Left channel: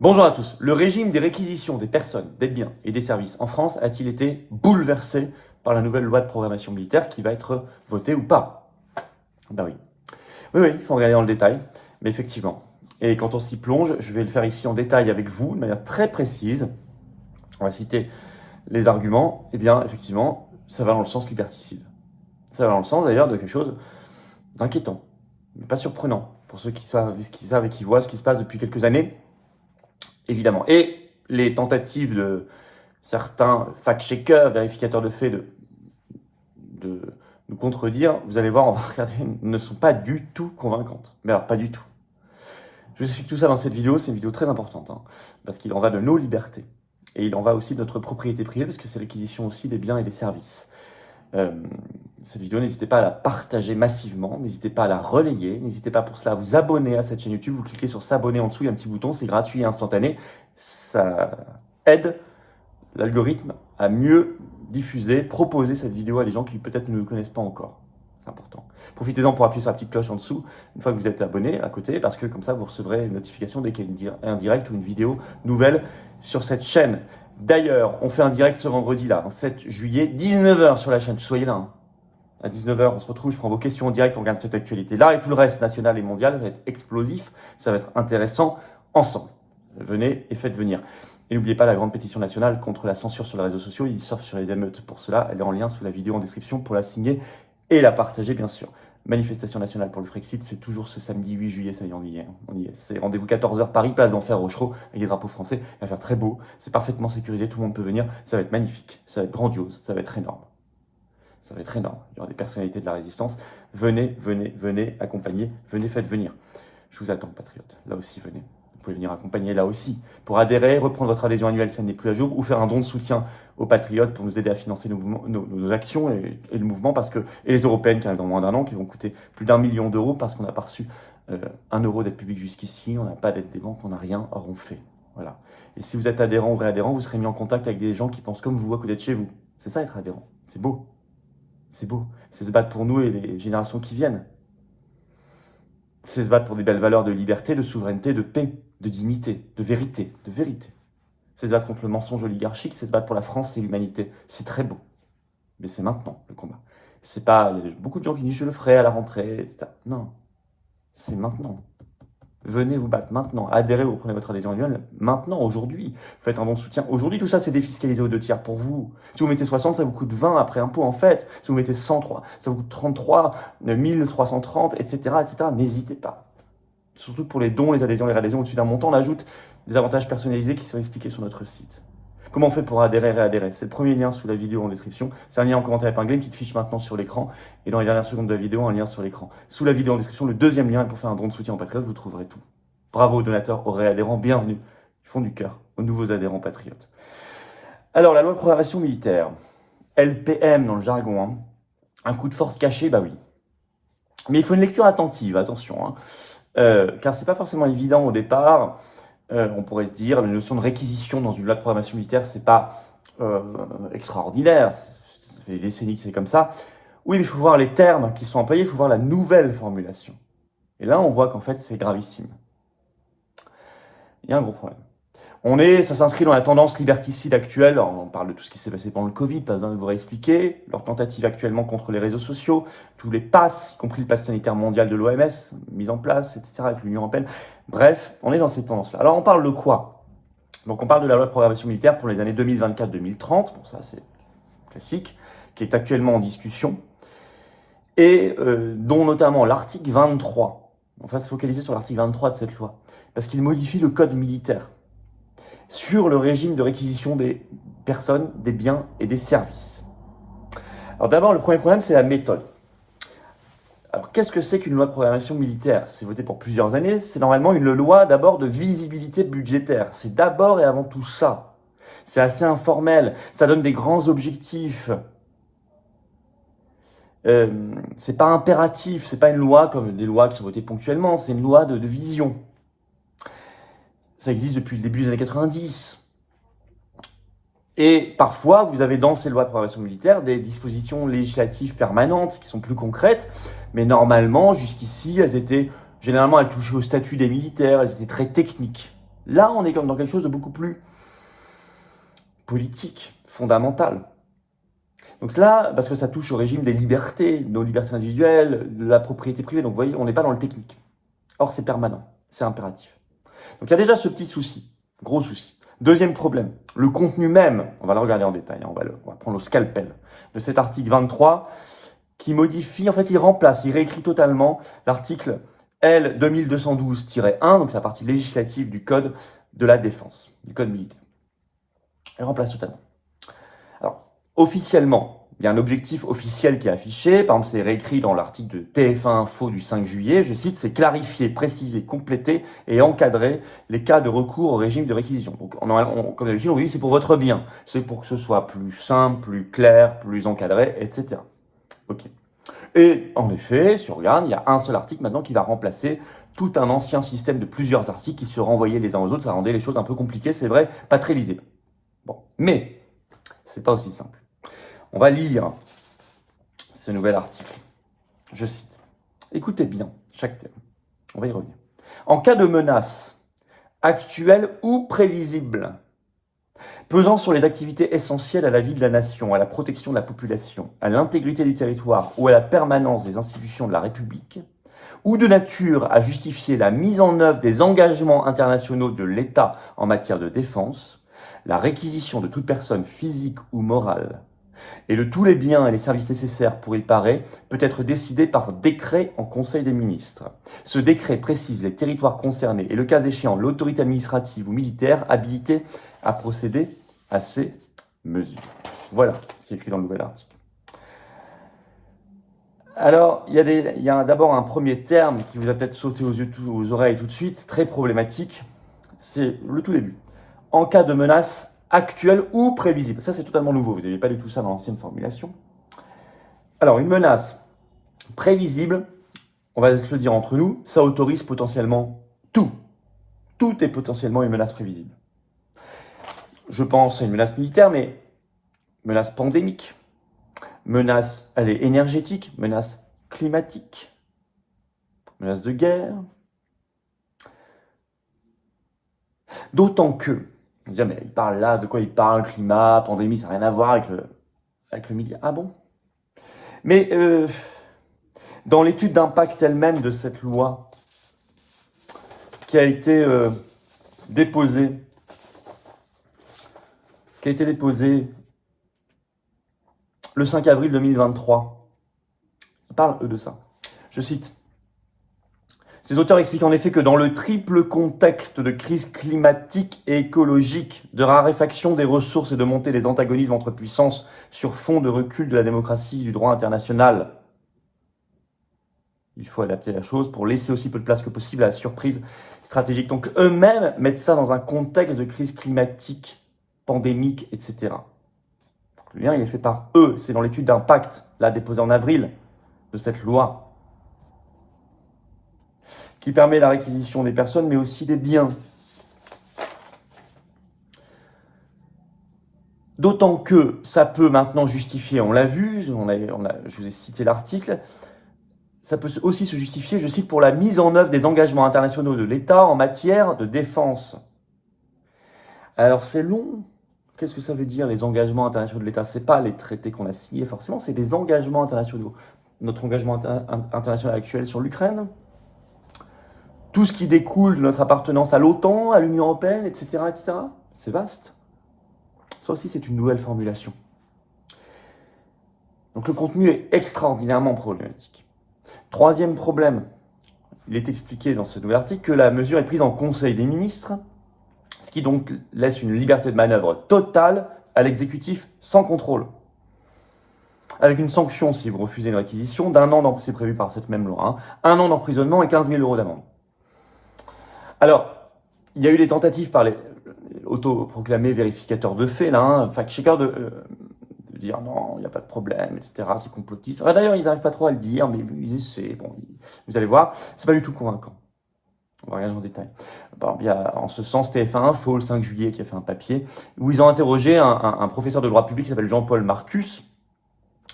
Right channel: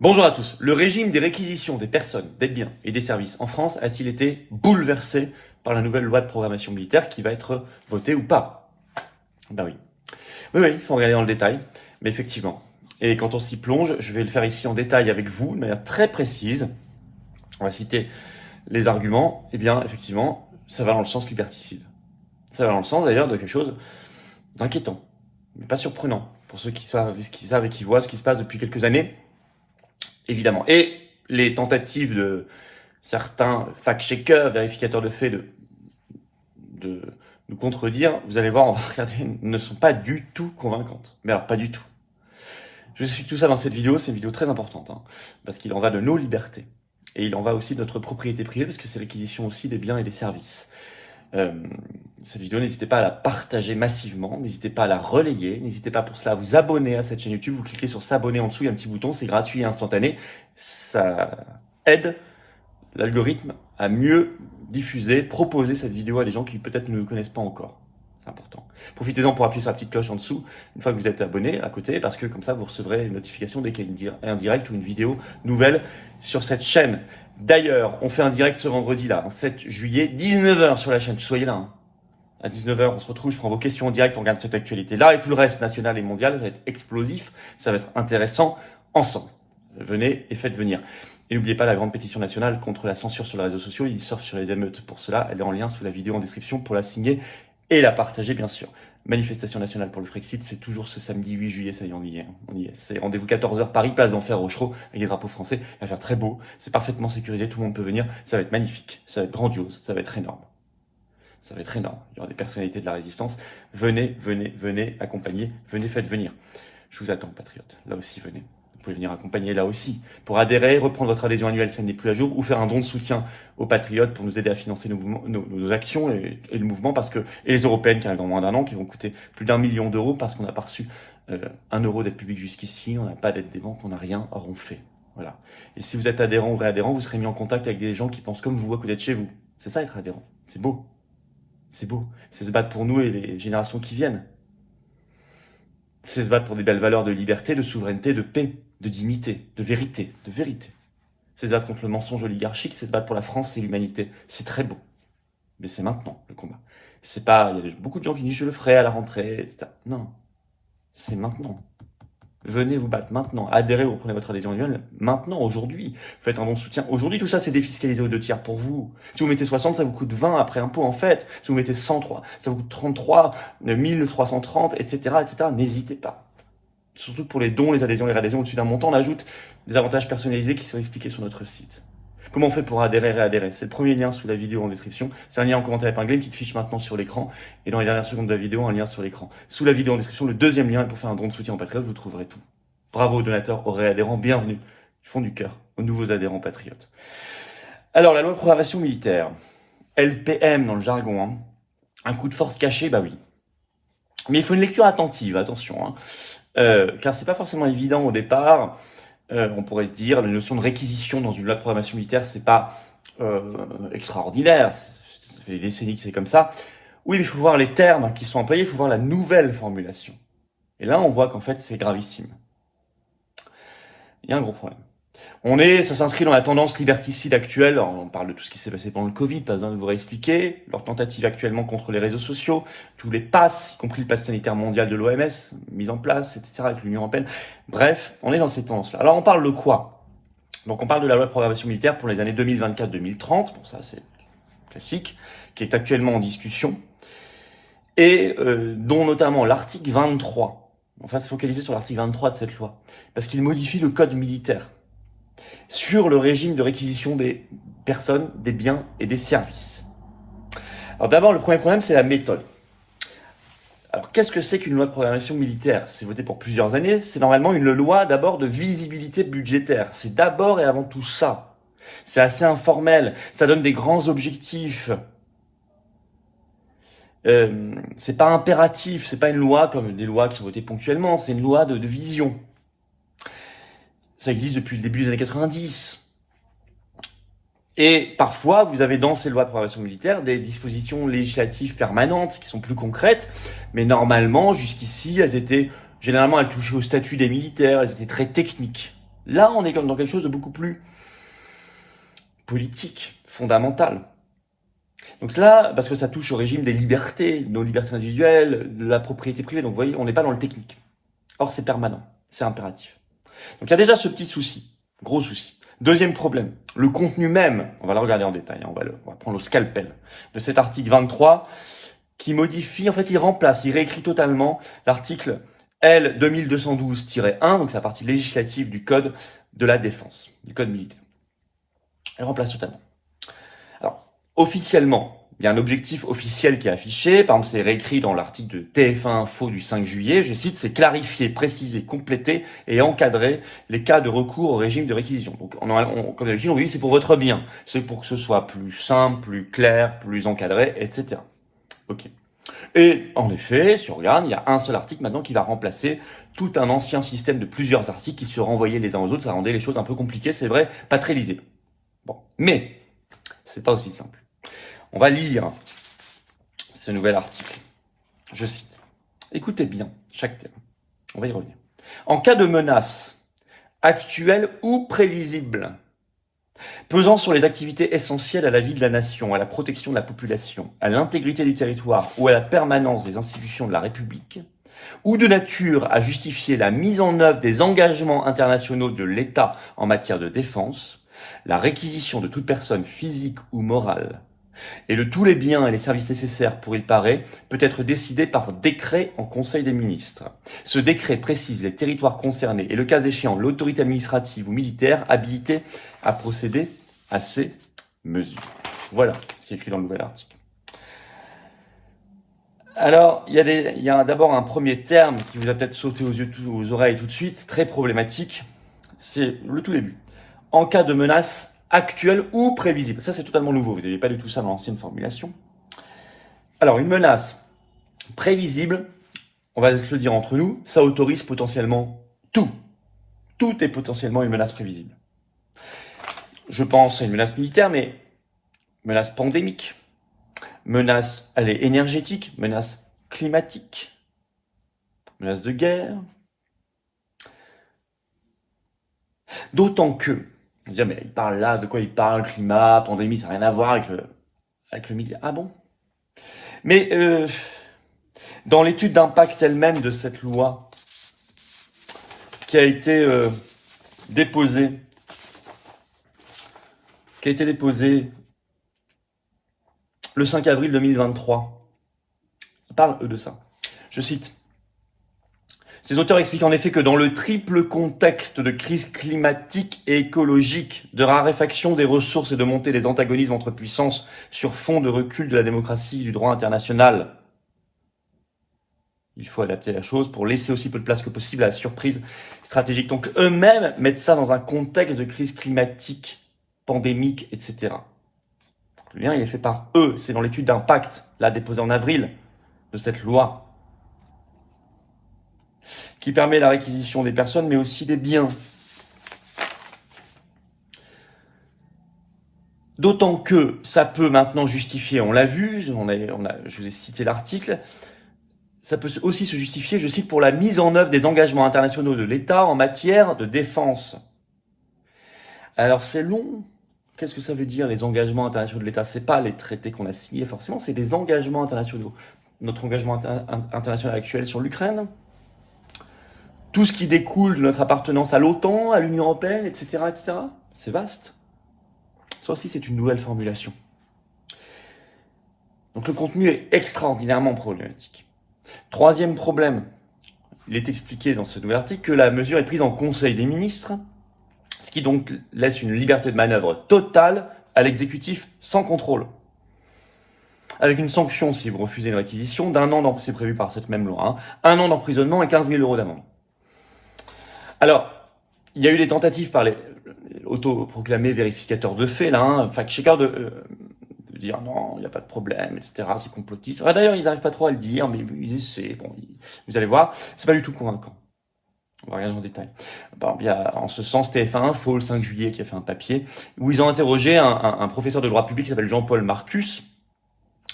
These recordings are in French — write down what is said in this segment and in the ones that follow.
Bonjour à tous. Le régime des réquisitions des personnes, des biens et des services en France a-t-il été bouleversé par la nouvelle loi de programmation militaire qui va être votée ou pas? Ben oui. Oui, il faut regarder dans le détail, mais effectivement. Et quand on s'y plonge, je vais le faire ici en détail avec vous, de manière très précise. On va citer les arguments. Eh bien, effectivement, ça va dans le sens liberticide. Ça va dans le sens d'ailleurs de quelque chose d'inquiétant, mais pas surprenant, pour ceux qui savent et qui voient ce qui se passe depuis quelques années. Évidemment. Et les tentatives de certains fact-checkers, vérificateurs de faits, de nous contredire, vous allez voir, on va regarder, ne sont pas du tout convaincantes. Mais alors, pas du tout. Je vous explique tout ça dans cette vidéo, c'est une vidéo très importante, parce qu'il en va de nos libertés. Et il en va aussi de notre propriété privée, parce que c'est l'acquisition aussi des biens et des services. Cette vidéo, n'hésitez pas à la partager massivement, n'hésitez pas à la relayer, n'hésitez pas pour cela à vous abonner à cette chaîne YouTube, vous cliquez sur s'abonner en dessous, il y a un petit bouton, c'est gratuit et instantané, ça aide l'algorithme à mieux diffuser, proposer cette vidéo à des gens qui peut-être ne nous connaissent pas encore. C'est important. Profitez-en pour appuyer sur la petite cloche en dessous, une fois que vous êtes abonné à côté, parce que comme ça vous recevrez une notification dès qu'il y a un direct ou une vidéo nouvelle sur cette chaîne. D'ailleurs, on fait un direct ce vendredi là, 7 juillet, 19h sur la chaîne, soyez là. À 19h, on se retrouve, je prends vos questions en direct, on regarde cette actualité là, et tout le reste, national et mondial, ça va être explosif, ça va être intéressant, ensemble. Venez et faites venir. Et n'oubliez pas la grande pétition nationale contre la censure sur les réseaux sociaux, il surfe sur les émeutes pour cela, elle est en lien sous la vidéo en description pour la signer et la partager bien sûr. Manifestation nationale pour le Frexit, c'est toujours ce samedi 8 juillet, ça y est, on y est. C'est rendez-vous 14h Paris, place d'Enfer, Rochereau, avec les drapeaux français, il va faire très beau, c'est parfaitement sécurisé, tout le monde peut venir, ça va être magnifique, ça va être grandiose, ça va être énorme. Ça va être énorme, il y aura des personnalités de la résistance, venez, accompagner, venez, faites venir. Je vous attends, patriotes, là aussi venez. Vous pouvez venir accompagner là aussi. Pour adhérer, reprendre votre adhésion annuelle, ça n'est plus à jour, ou faire un don de soutien aux patriotes pour nous aider à financer nos actions et le mouvement, et les européennes qui arrivent dans moins d'un an, qui vont coûter plus d'1 million d'euros parce qu'on n'a pas reçu 1 euro d'aide publique jusqu'ici, on n'a pas d'aide des banques, on n'a rien, or on fait. Voilà. Et si vous êtes adhérent ou réadhérent, vous serez mis en contact avec des gens qui pensent comme vous à côté de chez vous. C'est ça être adhérent, c'est beau. C'est beau. C'est se battre pour nous et les générations qui viennent. C'est se battre pour des belles valeurs de liberté, de souveraineté, de paix, de dignité, de vérité, C'est se battre contre le mensonge oligarchique, c'est se battre pour la France et l'humanité. C'est très beau. Mais c'est maintenant, le combat. C'est pas, il y a beaucoup de gens qui disent je le ferai à la rentrée, etc. Non. C'est maintenant. Venez vous battre maintenant. Adhérez ou reprenez votre adhésion annuelle maintenant, aujourd'hui. Faites un bon soutien. Aujourd'hui, tout ça, c'est défiscalisé aux 2/3 pour vous. Si vous mettez 60, ça vous coûte 20 après impôt, en fait. Si vous mettez 103, ça vous coûte 33, 1330, etc., etc. N'hésitez pas. Surtout pour les dons, les adhésions au-dessus d'un montant, on ajoute des avantages personnalisés qui sont expliqués sur notre site. Comment on fait pour adhérer et réadhérer? C'est le premier lien sous la vidéo en description. C'est un lien en commentaire épinglé, une petite fiche maintenant sur l'écran. Et dans les dernières secondes de la vidéo, un lien sur l'écran. Sous la vidéo en description, le deuxième lien est pour faire un don de soutien en patriote, vous trouverez tout. Bravo aux donateurs, aux réadhérents, bienvenue. Ils font du cœur aux nouveaux adhérents patriotes. Alors, la loi de programmation militaire, LPM dans le jargon, un coup de force caché, bah oui. Mais il faut une lecture attentive, attention, car c'est pas forcément évident au départ. On pourrait se dire, la notion de réquisition dans une loi de programmation militaire, c'est pas extraordinaire, ça fait des décennies que c'est comme ça. Oui, mais il faut voir les termes qui sont employés, il faut voir la nouvelle formulation. Et là, on voit qu'en fait, c'est gravissime. Il y a un gros problème. Ça s'inscrit dans la tendance liberticide actuelle. On parle de tout ce qui s'est passé pendant le Covid, pas besoin de vous réexpliquer. Leur tentative actuellement contre les réseaux sociaux, tous les passes, y compris le pass sanitaire mondial de l'OMS, mis en place, etc., avec l'Union européenne. Bref, on est dans ces tendances-là. Alors, on parle de quoi? Donc, on parle de la loi de programmation militaire pour les années 2024-2030. Bon, ça, c'est classique, qui est actuellement en discussion. Et dont notamment l'article 23. On va se focaliser sur l'article 23 de cette loi, parce qu'il modifie le code militaire sur le régime de réquisition des personnes, des biens et des services. Alors d'abord, le premier problème, c'est la méthode. Alors qu'est-ce que c'est qu'une loi de programmation militaire? C'est voté pour plusieurs années, c'est normalement une loi d'abord de visibilité budgétaire. C'est d'abord et avant tout ça. C'est assez informel, ça donne des grands objectifs. C'est pas impératif, c'est pas une loi comme des lois qui sont votées ponctuellement, c'est une loi de vision. Ça existe depuis le début des années 90. Et parfois, vous avez dans ces lois de programmation militaire des dispositions législatives permanentes qui sont plus concrètes, mais normalement, jusqu'ici, généralement, elles touchaient au statut des militaires, elles étaient très techniques. Là, on est comme dans quelque chose de beaucoup plus politique, fondamental. Donc là, parce que ça touche au régime des libertés, nos libertés individuelles, de la propriété privée, donc vous voyez, on n'est pas dans le technique. Or, c'est permanent, c'est impératif. Donc il y a déjà ce petit souci, gros souci. Deuxième problème, le contenu même, on va le regarder en détail, on va prendre le scalpel de cet article 23 qui modifie, en fait il remplace, il réécrit totalement l'article L 2212-1, donc c'est la partie législative du code de la défense, du code militaire. Il remplace totalement. Alors, officiellement, il y a un objectif officiel qui est affiché, par exemple c'est réécrit dans l'article de TF1 Info du 5 juillet, je cite, c'est clarifier, préciser, compléter et encadrer les cas de recours au régime de réquisition. Donc comme d'habitude on dit c'est pour votre bien, c'est pour que ce soit plus simple, plus clair, plus encadré, etc. Ok. Et en effet, si on regarde, il y a un seul article maintenant qui va remplacer tout un ancien système de plusieurs articles qui se renvoyaient les uns aux autres, ça rendait les choses un peu compliquées, c'est vrai, pas très lisible. Bon, mais c'est pas aussi simple. On va lire ce nouvel article. Je cite. Écoutez bien chaque thème. On va y revenir. En cas de menace actuelle ou prévisible, pesant sur les activités essentielles à la vie de la nation, à la protection de la population, à l'intégrité du territoire ou à la permanence des institutions de la République, ou de nature à justifier la mise en œuvre des engagements internationaux de l'État en matière de défense, la réquisition de toute personne physique ou morale et de tous les biens et les services nécessaires pour y parer peut être décidé par décret en Conseil des ministres. Ce décret précise les territoires concernés et le cas échéant l'autorité administrative ou militaire habilitée à procéder à ces mesures. Voilà ce qui est écrit dans le nouvel article. Alors, il y a d'abord un premier terme qui vous a peut-être sauté aux oreilles tout de suite, très problématique, c'est le tout début. En cas de menace actuelle ou prévisible. Ça, c'est totalement nouveau. Vous n'avez pas du tout ça dans l'ancienne formulation. Alors, une menace prévisible, on va se le dire entre nous, ça autorise potentiellement tout. Tout est potentiellement une menace prévisible. Je pense à une menace militaire, mais menace pandémique, menace énergétique, menace climatique, menace de guerre. D'autant que, on dit, mais il parle là, de quoi il parle, climat, pandémie, ça n'a rien à voir avec le militaire. Ah bon? Mais dans l'étude d'impact elle-même de cette loi qui a été déposée le 5 avril 2023, ils parlent eux de ça. Je cite. Ces auteurs expliquent en effet que dans le triple contexte de crise climatique et écologique, de raréfaction des ressources et de montée des antagonismes entre puissances sur fond de recul de la démocratie et du droit international, il faut adapter la chose pour laisser aussi peu de place que possible à la surprise stratégique. Donc eux-mêmes mettent ça dans un contexte de crise climatique, pandémique, etc. Le lien il est fait par eux, c'est dans l'étude d'impact, là déposée en avril, de cette loi, qui permet la réquisition des personnes, mais aussi des biens. D'autant que ça peut maintenant justifier, on l'a vu, je vous ai cité l'article, ça peut aussi se justifier, je cite, pour la mise en œuvre des engagements internationaux de l'État en matière de défense. Alors c'est long. Qu'est-ce que ça veut dire, les engagements internationaux de l'État? C'est pas les traités qu'on a signés forcément, c'est des engagements internationaux. Notre engagement international actuel sur l'Ukraine, tout ce qui découle de notre appartenance à l'OTAN, à l'Union européenne, etc., etc. C'est vaste. Ça aussi, c'est une nouvelle formulation. Donc le contenu est extraordinairement problématique. Troisième problème, il est expliqué dans ce nouvel article que la mesure est prise en Conseil des ministres, ce qui donc laisse une liberté de manœuvre totale à l'exécutif sans contrôle. Avec une sanction si vous refusez une réquisition d'1 an, c'est prévu par cette même loi, 1 an d'emprisonnement et 15 000 € d'amende. Alors, il y a eu des tentatives par les autoproclamés vérificateurs de faits, là, fact-checkers, de dire non, il n'y a pas de problème, etc., c'est complotiste. D'ailleurs, ils n'arrivent pas trop à le dire, mais ils essaient, bon, vous allez voir, c'est pas du tout convaincant. On va regarder en détail. Bon, il y a en ce sens TF1 Info le 5 juillet qui a fait un papier où ils ont interrogé un professeur de droit public qui s'appelle Jean-Paul Marcus,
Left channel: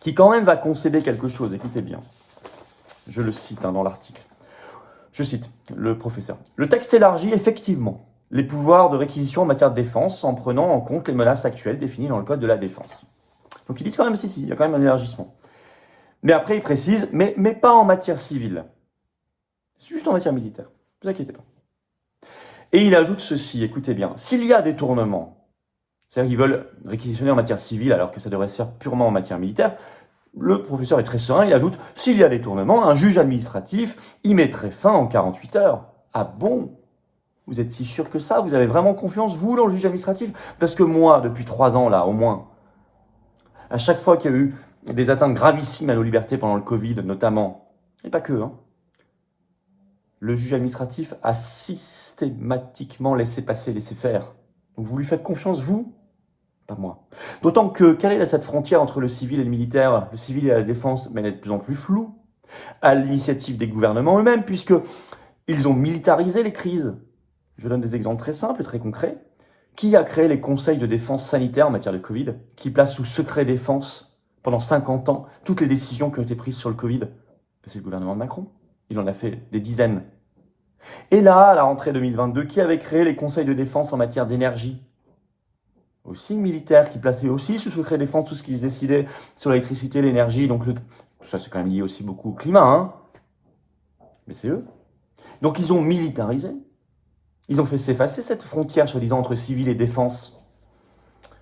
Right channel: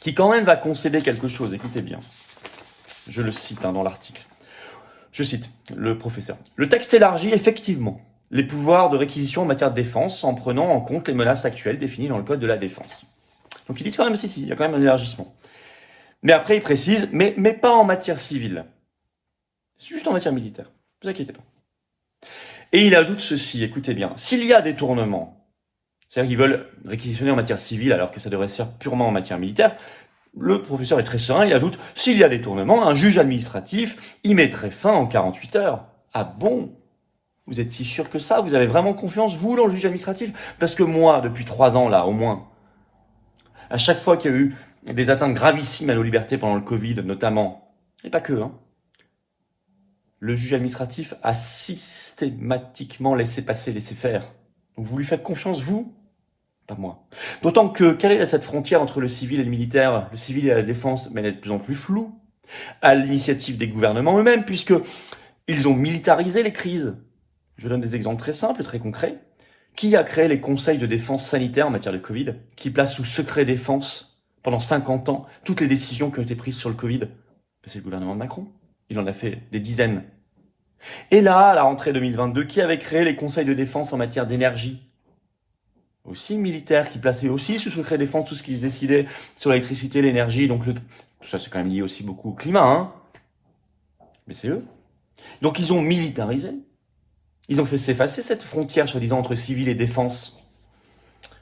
qui quand même va concéder quelque chose, écoutez bien. Je le cite dans l'article. Je cite le professeur. Le texte élargit effectivement les pouvoirs de réquisition en matière de défense en prenant en compte les menaces actuelles définies dans le Code de la défense. Donc ils disent quand même, si, il y a quand même un élargissement. Mais après, ils précisent, mais pas en matière civile. C'est juste en matière militaire. Ne vous inquiétez pas. Et il ajoute ceci, écoutez bien, s'il y a détournement, c'est-à-dire qu'ils veulent réquisitionner en matière civile alors que ça devrait se faire purement en matière militaire, le professeur est très serein, il ajoute, s'il y a détournement, un juge administratif y mettrait fin en 48 heures. Ah bon? Vous êtes si sûr que ça? Vous avez vraiment confiance, vous, dans le juge administratif? Parce que moi, depuis 3 ans, là, au moins, à chaque fois qu'il y a eu des atteintes gravissimes à nos libertés pendant le Covid, notamment, et pas que, hein, le juge administratif a systématiquement laissé passer, laissé faire. Donc vous lui faites confiance, vous? Pas moi. D'autant que, quelle est cette frontière entre le civil et le militaire? Le civil et la défense, mais elle est de plus en plus floue, à l'initiative des gouvernements eux-mêmes, puisque ils ont militarisé les crises. Je donne des exemples très simples et très concrets. Qui a créé les conseils de défense sanitaire en matière de Covid, qui placent sous secret défense pendant 50 ans toutes les décisions qui ont été prises sur le Covid? C'est le gouvernement de Macron. Il en a fait des dizaines. Et là, à la rentrée 2022, qui avait créé les conseils de défense en matière d'énergie? Aussi militaire, qui plaçait aussi sous secret défense tout ce qui se décidait sur l'électricité, l'énergie. Donc tout ça, c'est quand même lié aussi beaucoup au climat, hein. Mais c'est eux. Donc ils ont militarisé. Ils ont fait s'effacer cette frontière, soi-disant, entre civil et défense.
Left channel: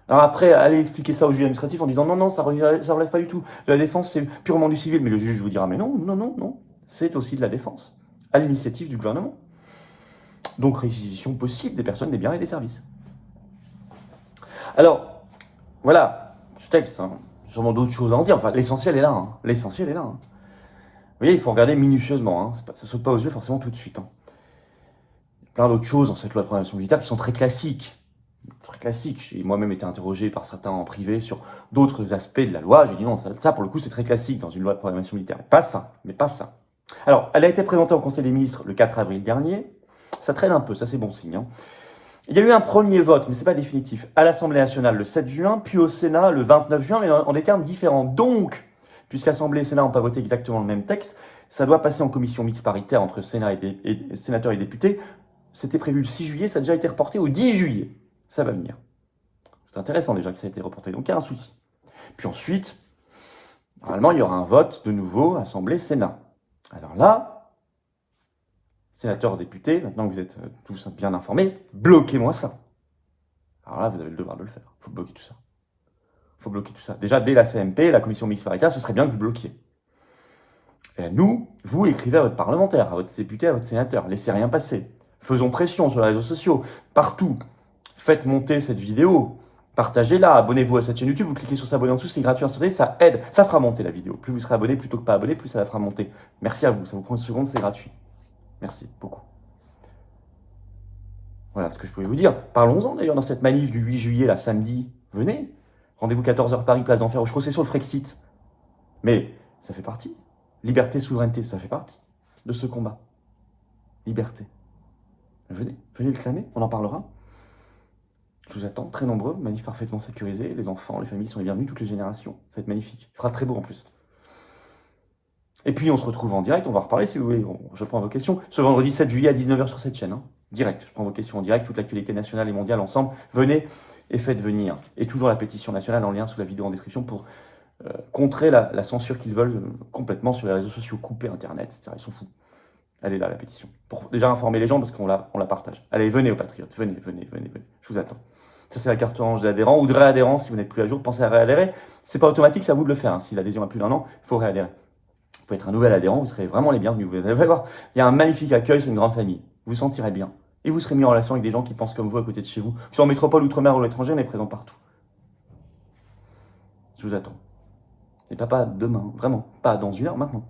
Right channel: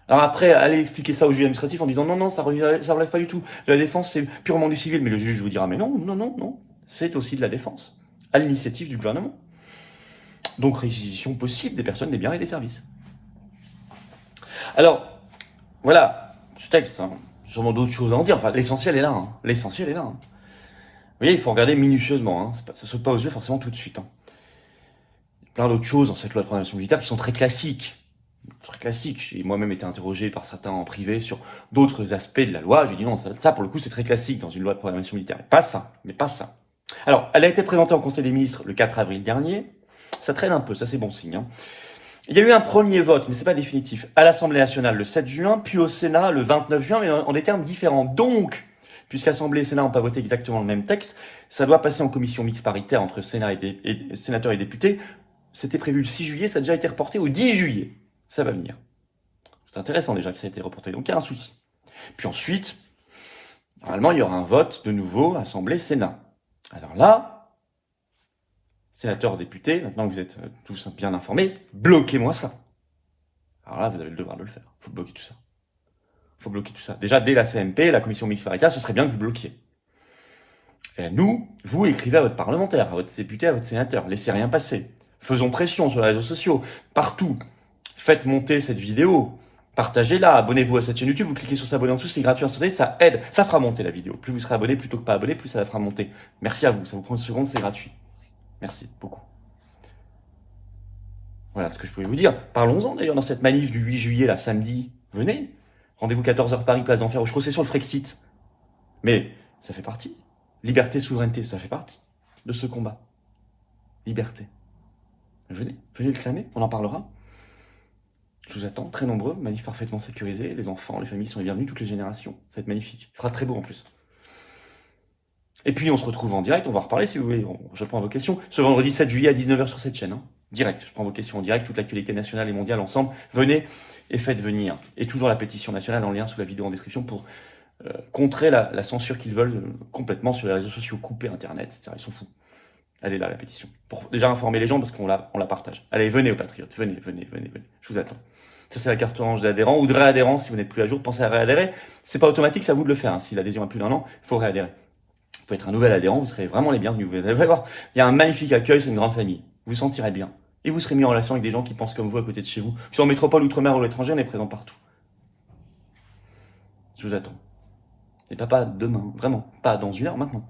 Alors après, allez expliquer ça au juge administratif en disant non, non, ça relève pas du tout. La défense, c'est purement du civil. Mais le juge vous dira, mais non, non, non, non. C'est aussi de la défense, à l'initiative du gouvernement. Donc réquisition possible des personnes, des biens et des services. Alors, voilà, ce texte, hein, sûrement d'autres choses à en dire. Enfin, l'essentiel est là. Hein. L'essentiel est là. Hein. Vous voyez, il faut regarder minutieusement. Hein. Ça ne saute pas aux yeux forcément tout de suite. Hein. Il y a plein d'autres choses dans cette loi de programmation militaire qui sont très classiques. Très classiques. J'ai moi-même été interrogé par certains en privé sur d'autres aspects de la loi. J'ai dit non, ça pour le coup, c'est très classique dans une loi de programmation militaire. Mais pas ça. Alors, elle a été présentée au Conseil des ministres le 4 avril dernier. Ça traîne un peu, ça c'est bon signe. Hein. Il y a eu un premier vote, mais ce n'est pas définitif, à l'Assemblée nationale le 7 juin, puis au Sénat le 29 juin, mais en des termes différents. Donc, puisqu'Assemblée et Sénat n'ont pas voté exactement le même texte, ça doit passer en commission mixte paritaire entre sénateurs et députés. C'était prévu le 6 juillet, ça a déjà été reporté au 10 juillet. Ça va venir. C'est intéressant déjà que ça a été reporté, donc il y a un souci. Puis ensuite, normalement, il y aura un vote de nouveau, Assemblée-Sénat. Alors là, sénateurs, députés, maintenant que vous êtes tous bien informés, bloquez-moi ça. Alors là, vous avez le devoir de le faire. Il faut bloquer tout ça. Il faut bloquer tout ça. Déjà, dès la CMP, la commission mixte paritaire, ce serait bien que vous bloquiez. Et nous, vous écrivez à votre parlementaire, à votre député, à votre sénateur. Laissez rien passer. Faisons pression sur les réseaux sociaux, partout. Faites monter cette vidéo. Partagez-la, abonnez-vous à cette chaîne YouTube, vous cliquez sur s'abonner en dessous, c'est gratuit, instantané, ça aide, ça fera monter la vidéo. Plus vous serez abonné plutôt que pas abonné, plus ça la fera monter. Merci à vous, ça vous prend une seconde, c'est gratuit. Merci beaucoup. Voilà ce que je pouvais vous dire. Parlons-en d'ailleurs dans cette manif du 8 juillet, là, samedi. Venez. Rendez-vous 14h Paris, place d'Enfer. Je crois que c'est sur le Frexit. Mais ça fait partie. Liberté, souveraineté, ça fait partie de ce combat. Liberté. Venez le clamer, on en parlera. Je vous attends, très nombreux, manif parfaitement sécurisé. Les enfants, les familles sont les bienvenus, toutes les générations. Ça va être magnifique. Il fera très beau en plus. Et puis on se retrouve en direct, on va reparler si vous voulez. Je prends vos questions. Ce vendredi 7 juillet à 19h sur cette chaîne. Hein. Direct, je prends vos questions en direct, toute l'actualité nationale et mondiale ensemble. Venez et faites venir. Et toujours la pétition nationale en lien sous la vidéo en description pour contrer la censure qu'ils veulent complètement sur les réseaux sociaux, couper Internet, etc. Ils sont fous. Elle est là, la pétition. Pour déjà informer les gens parce qu'on la partage. Allez, venez aux patriotes, venez. Je vous attends. Ça, c'est la carte orange d'adhérent ou de réadhérent. Si vous n'êtes plus à jour, pensez à réadhérer. C'est pas automatique, c'est à vous de le faire. Hein. Si l'adhésion a plus d'1 an, il faut réadhérer. Vous pouvez être un nouvel adhérent, vous serez vraiment les bienvenus. Vous allez voir, il y a un magnifique accueil, c'est une grande famille. Vous vous sentirez bien. Et vous serez mis en relation avec des gens qui pensent comme vous à côté de chez vous. Que ce soit en métropole, outre-mer ou à l'étranger, on est présent partout. Je vous attends. Et pas demain, vraiment. Pas dans 1 heure, maintenant.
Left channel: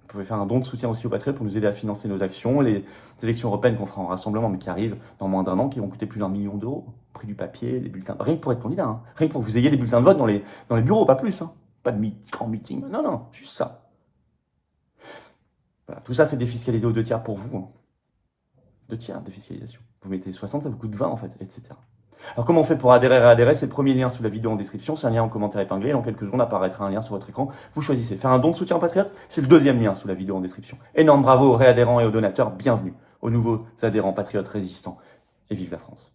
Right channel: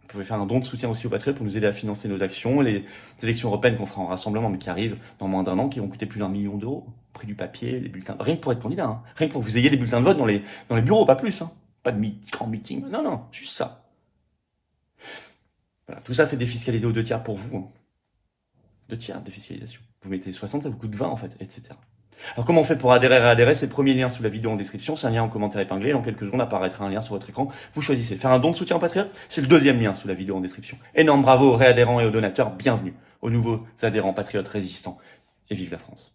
Vous pouvez faire un don de soutien aussi aux patriotes pour nous aider à financer nos actions, les élections européennes qu'on fera en rassemblement, mais qui arrivent dans moins d'1 an, qui vont coûter plus d'1 million d'euros. Prix du papier, les bulletins. Rien que pour être candidat, hein. Rien que pour que vous ayez les bulletins de vote dans les bureaux, pas plus. Hein. Pas de grand meeting. Non, juste ça. Voilà. Tout ça, c'est défiscalisé aux 2 tiers pour vous. Hein. 2 tiers de défiscalisation. Vous mettez 60, ça vous coûte 20 en fait, etc. Alors comment on fait pour adhérer? C'est le premier lien sous la vidéo en description, c'est un lien en commentaire épinglé, dans quelques secondes apparaîtra un lien sur votre écran, vous choisissez. Faire un don de soutien aux patriotes, c'est le deuxième lien sous la vidéo en description. Énorme bravo aux réadhérents et aux donateurs, bienvenue aux nouveaux adhérents patriotes résistants, et vive la France.